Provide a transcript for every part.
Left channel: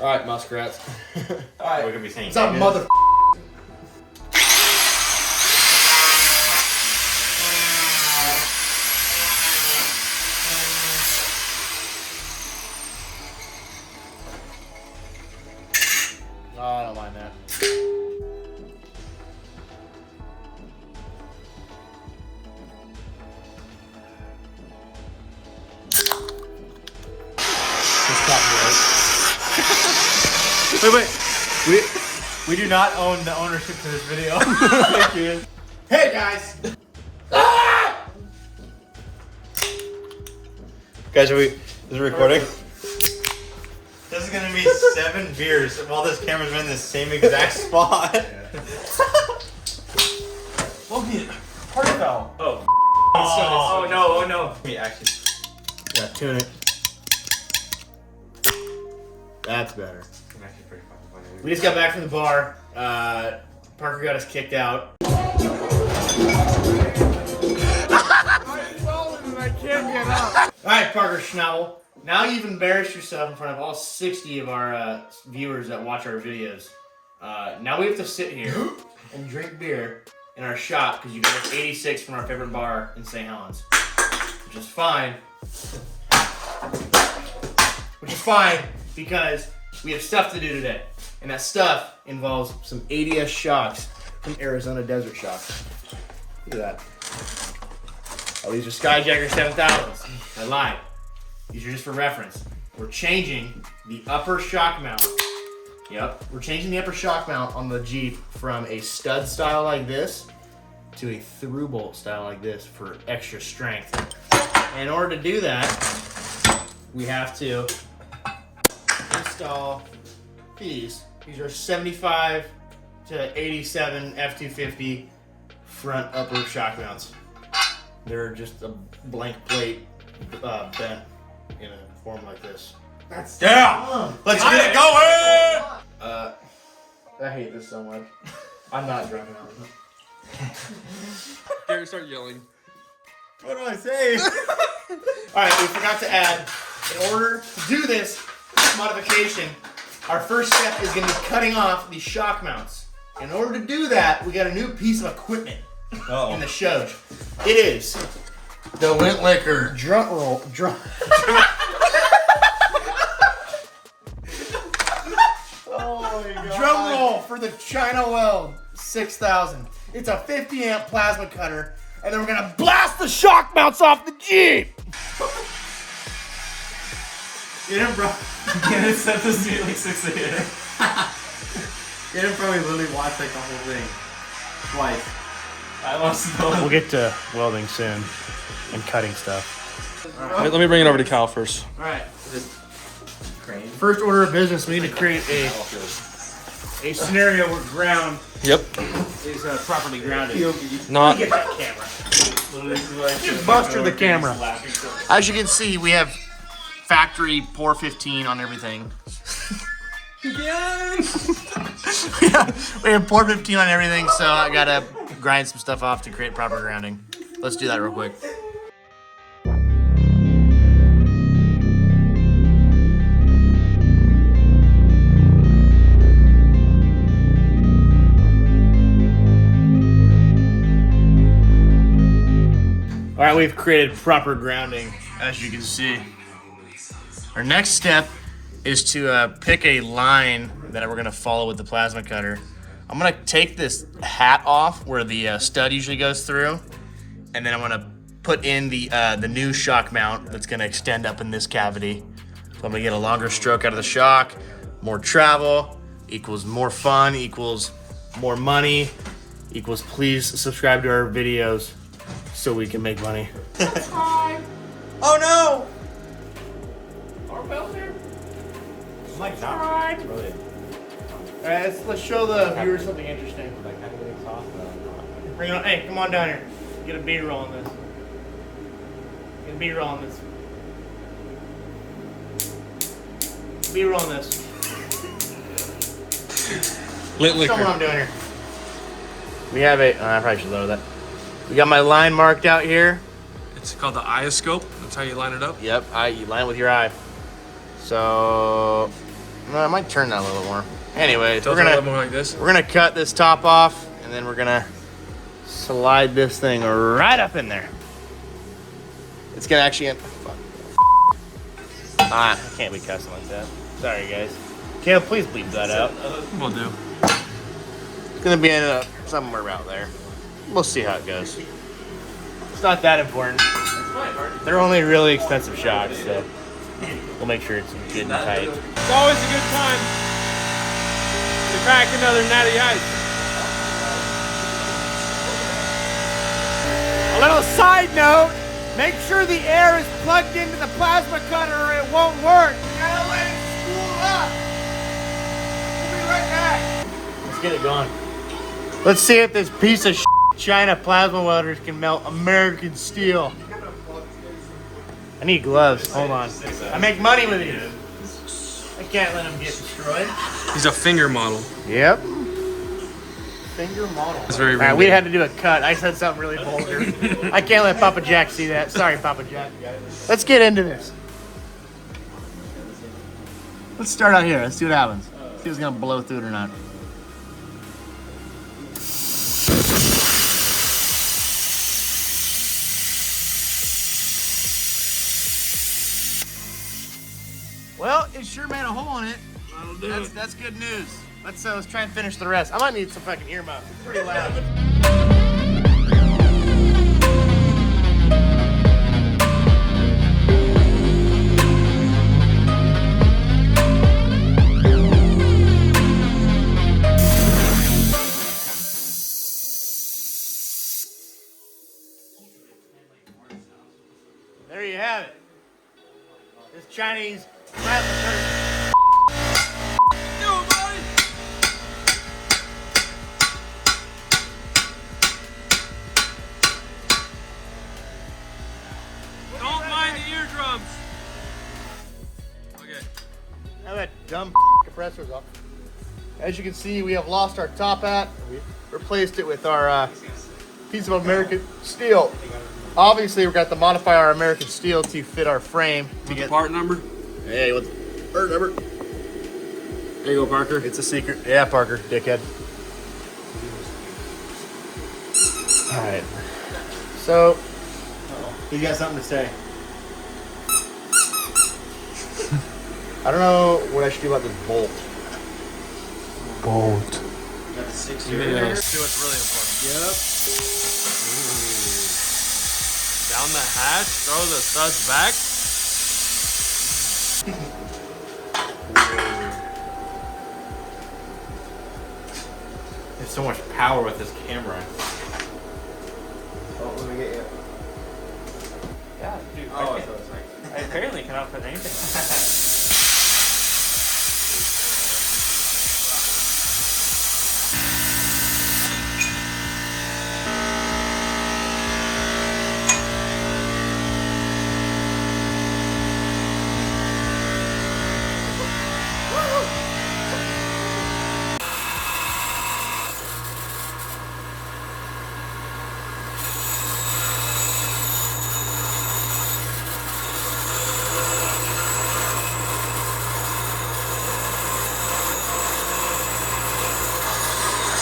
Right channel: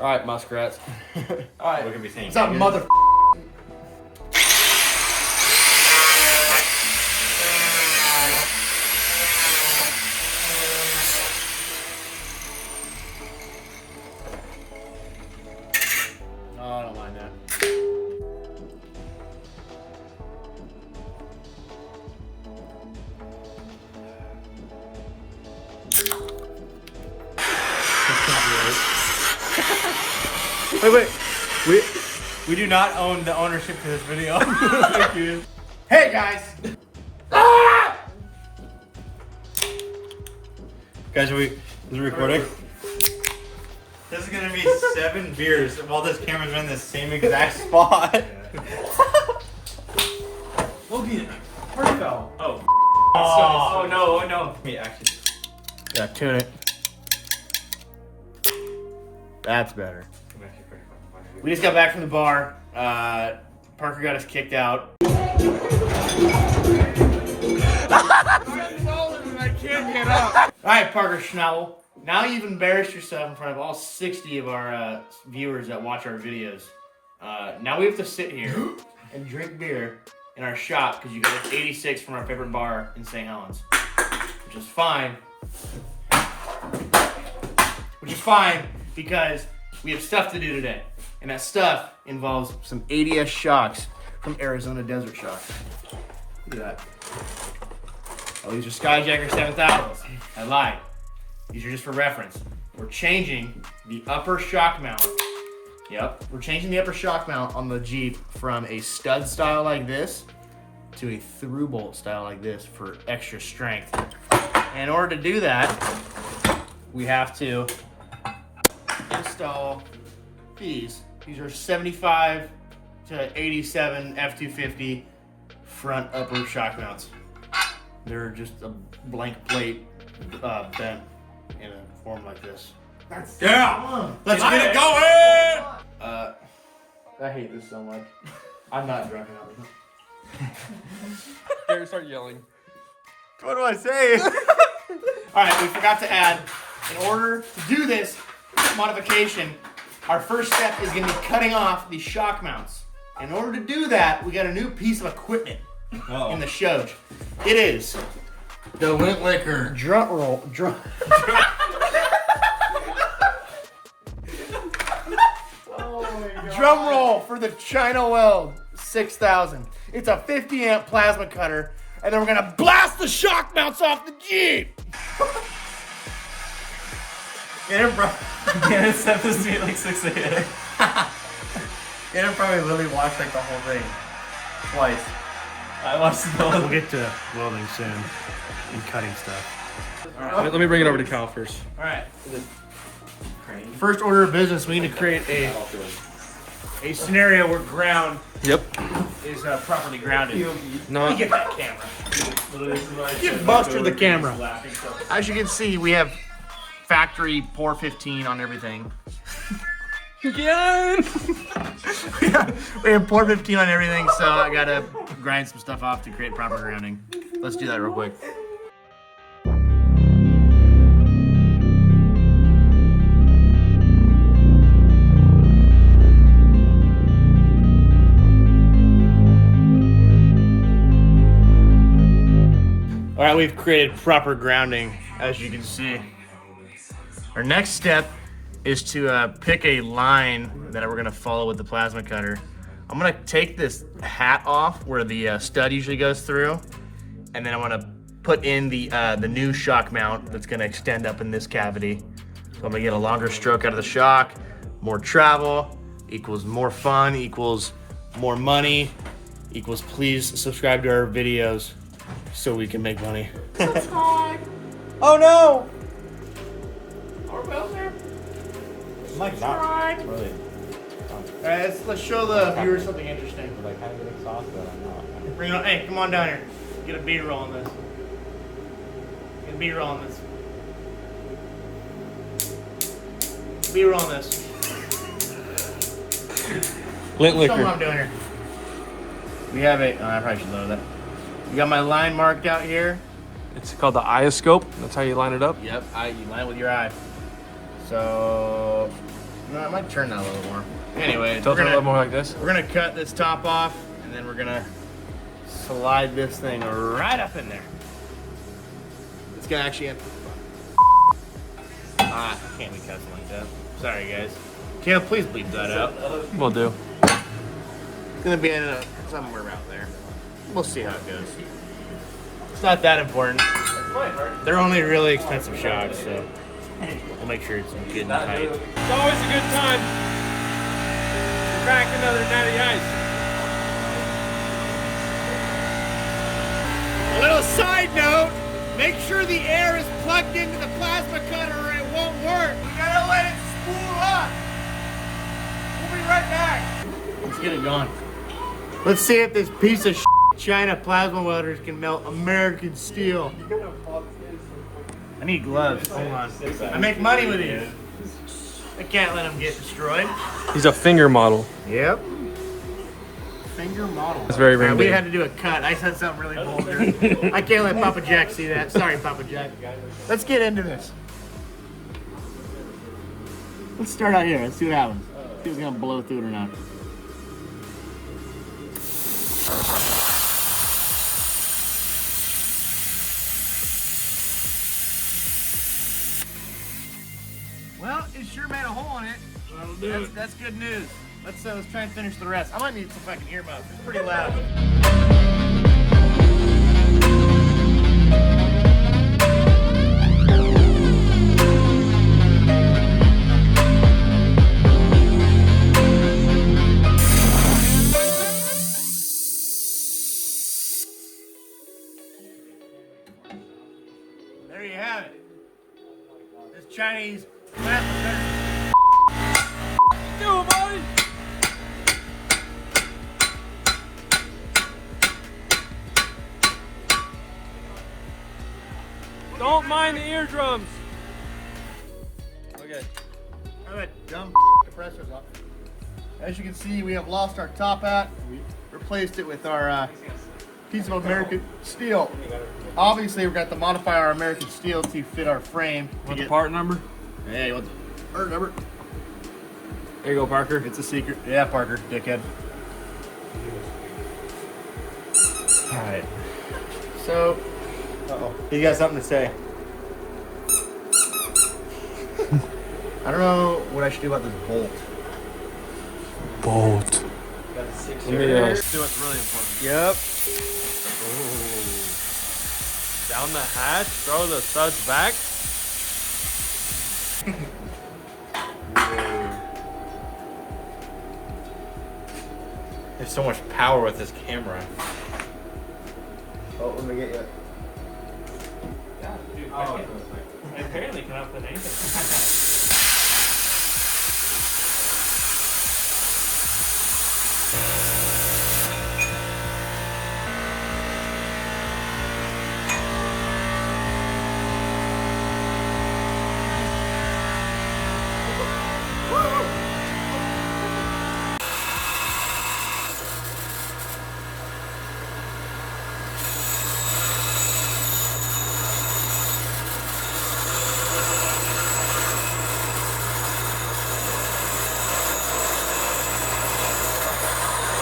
All right, muskrats. All right, we're gonna be saying. What's up, mother? Oh, I don't mind that. Wait. We do not own the ownership to this video. Hey guys! Guys, is it recording? This is gonna be 7 beers while this camera's in the same exact spot. Logan, hard foul. Oh no. Me actually. Yeah, tune it. That's better. I'm actually pretty fucking funny. We just got back from the bar. Parker got us kicked out. I can't get up. All right, Parker Schnabel. Now you've embarrassed yourself in front of all 60 of our viewers that watch our videos. Now we have to sit here and drink beer in our shop because you got us 86 from our favorite bar in St. Helens, which is fine. Because we have stuff to do today. And that stuff involves some ADS shocks from Arizona Desert Shocks. Look at that. Oh, these are Skyjacker 7000s. I lied. These are just for reference. We're changing the upper shock mount. Yep, we're changing the upper shock mount on the Jeep from a stud style like this to a through bolt style like this for extra strength. And in order to do that, we have to install these. These are 75 to 87 F250 front upper shock mounts. They're just a blank plate bent in a form like this. Let's get it going! I hate this so much. I'm not drunk enough. Gary, start yelling. What do I say? Alright, we forgot to add, in order to do this modification, our first step is going to be cutting off the shock mounts. In order to do that, we got a new piece of equipment in the show. It is the Wintlicker drum roll for the China Weld 6000. It's a 50 amp plasma cutter, and then we're going to blast the shock mounts off the Jeep. Yeah, set this to like 6 a.m. You didn't probably literally watch like the whole thing twice. I watched the We'll get to welding soon and cutting stuff. Let me bring it over to Cal first. All right. First order of business, we need to create a scenario where ground Yep. is properly grounded. Not. Get that camera. Give Buster the camera. As you can see, we have factory pour 15 on everything. Again. We have pour 15 on everything, so I gotta grind some stuff off to create proper grounding. Let's do that real quick. All right, we've created proper grounding, as you can see. Our next step is to pick a line that we're gonna follow with the plasma cutter. I'm gonna take this hat off where the stud usually goes through, and then I'm gonna put in the new shock mount that's gonna extend up in this cavity. So I'm gonna get a longer stroke out of the shock. More travel equals more fun, equals more money, equals please subscribe to our videos so we can make money. Oh no! Alright, let's show the viewers something interesting. Bring it on. Hey, come on down here. Get a B-roll on this. Get a B-roll on this. B-roll on this. Lit Show me what liquor. I'm doing here. We have a. I probably should load that. We got my line marked out here. It's called the ioscope. That's how you line it up. Yep, you line it with your eye. So, I might turn that a little more. Anyways, Tilt it a little more like this. we're gonna cut this top off, and then we're gonna slide this thing right up in there. It's gonna actually. I can't be cussing like that. Sorry, guys. Kale, please bleep that out. Will do. It's gonna be in somewhere out there. We'll see how it goes. It's not that important. They're only really expensive shocks, so we'll make sure it's good and tight. It's always a good time to pack another natty ice. A little side note, make sure the air is plugged into the plasma cutter or it won't work. You gotta let it spool up. We'll be right back. Let's get it going. Let's see if this piece of China plasma welders can melt American steel. I need gloves. Hold on. I make money with these. I can't let them get destroyed. He's a finger model. Yep. Finger model. It's very Man, ring we had to do a cut. I said something really vulgar. I can't let Papa Jack see that. Sorry, Papa Jack. Let's get into this. Let's start out here. Let's see what happens. See if it's gonna blow through it or not. Well, it sure made a hole in it. That's good news. Let's try and finish the rest. I might need some fucking earmuffs. It's pretty loud. There you have it. This Chinese plasma cutter. Do it, Marty! Don't mind the eardrums. Okay. Have that dumb compressors up. As you can see, we have lost our top hat. We replaced it with our piece of American steel. Obviously, we've got to modify our American steel to fit our frame. Want the part number? Hey, what's part number? There you go, Parker. It's a secret. Yeah, Parker, dickhead. All right. So, he's got something to say. I don't know what I should do about this bolt. Let me see what's really important. Yep. Down the hatch, throw the studs back. There's so much power with this camera. Oh, let me get you. I apparently cannot put anything.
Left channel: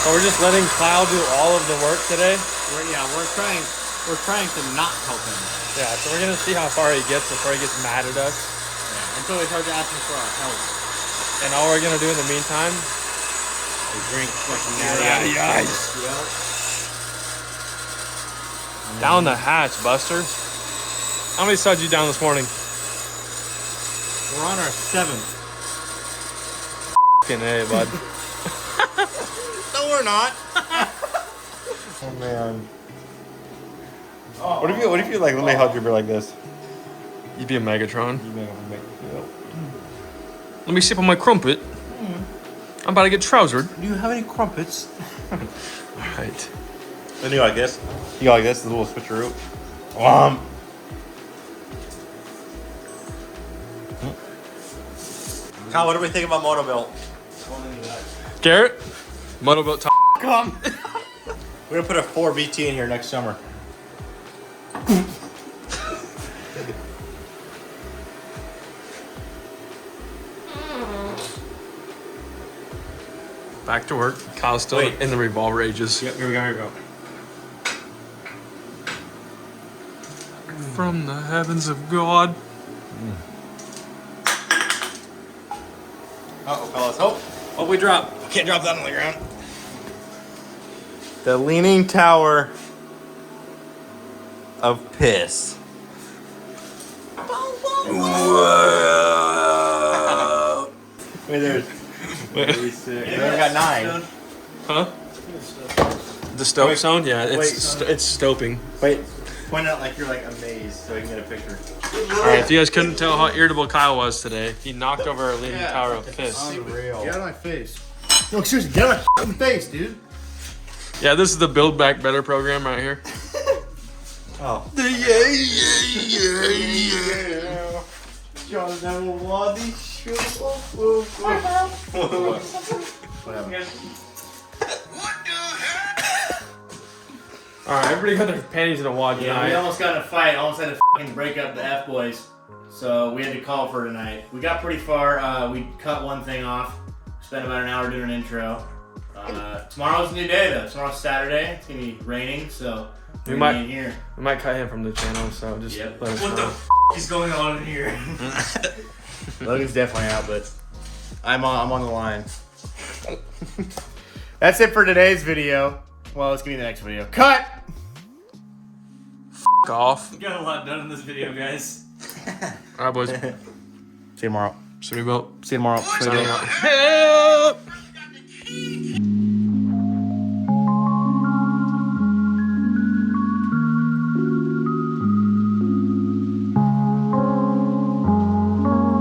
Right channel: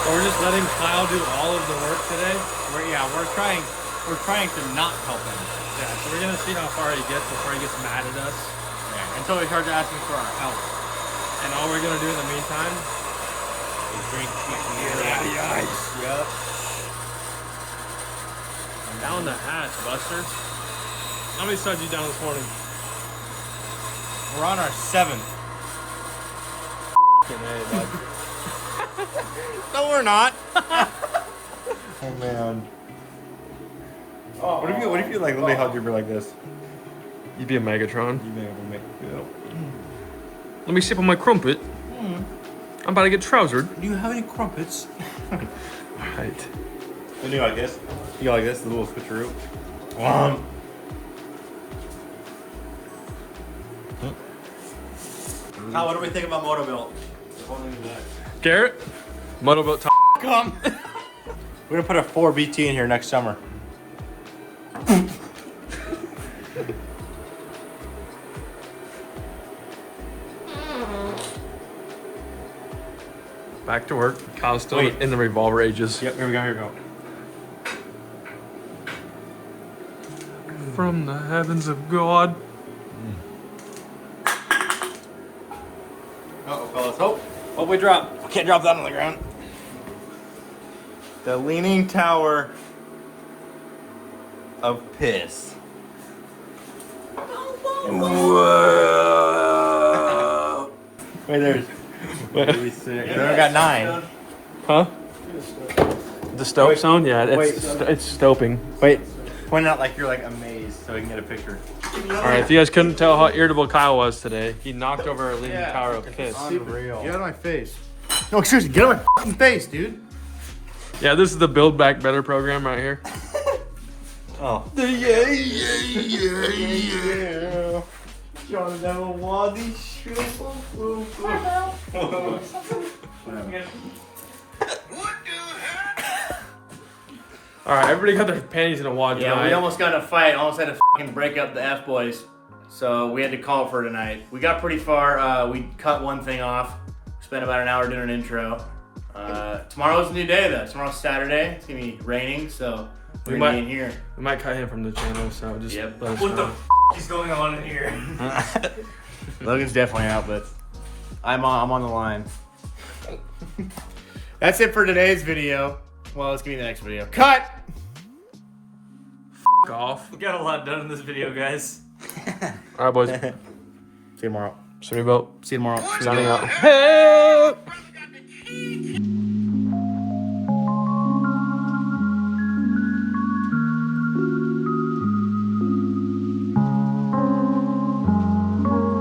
So we're just letting Kyle do all of the work today. We're trying to not help him. Yeah, so we're gonna see how far he gets before he gets mad at us. Until we start asking for our help. And all we're gonna do in the meantime is drink fucking natty ice. Yep. Down the hatch, Buster. How many studs you down this morning? we're on our 7th. Fucking A, bud. No, we're not. Oh man. What if you like let me help you like this? You'd be a Megatron. You may have to make Let me sip on my crumpet. I'm about to get trousered. Do you have any crumpets? Alright. I do like this. You go like this, the little switcheroo. Kyle, what do we think about Motobuilt? Garrett? Motobuilt top. Come. We're gonna put a 4 BT in here next summer. Back to work. Kyle's still Wait. in the revolver ages. Yep, here we go, here we go. From the heavens of God. Uh-oh, fellas. Oh, What we drop? can't drop that on the ground. The Leaning Tower of Piss. Wait, there's... Then we got 9. Huh? The stope zone? Yeah, it's stoping. Wait, point out like you're like amazed so we can get a picture. Alright, if you guys couldn't tell how irritable Kyle was today, he knocked over a leaning tower of piss. Unreal. Get out of my face. No, seriously, get out of my fucking face, dude. Yeah, this is the Build Back Better program right here. Oh. Alright, everybody got their panties in a wad Yeah, tonight. we almost got in a fight. Almost had to fucking break up the F boys. So we had to call for tonight. We got pretty far. We cut one thing off. Spent about an hour doing an intro. Tomorrow's a new day though. Tomorrow's Saturday. It's gonna be raining, so we're gonna be in here. We might cut him from the channel, so just Yep. let us What know. the is going on in here? Logan's definitely out, but I'm on the line. That's it for today's video. Well, let's get to the next video. Cut! Off. We got a lot done in this video, guys. Alright, boys. See you tomorrow. City Belt. See you tomorrow. Signing out.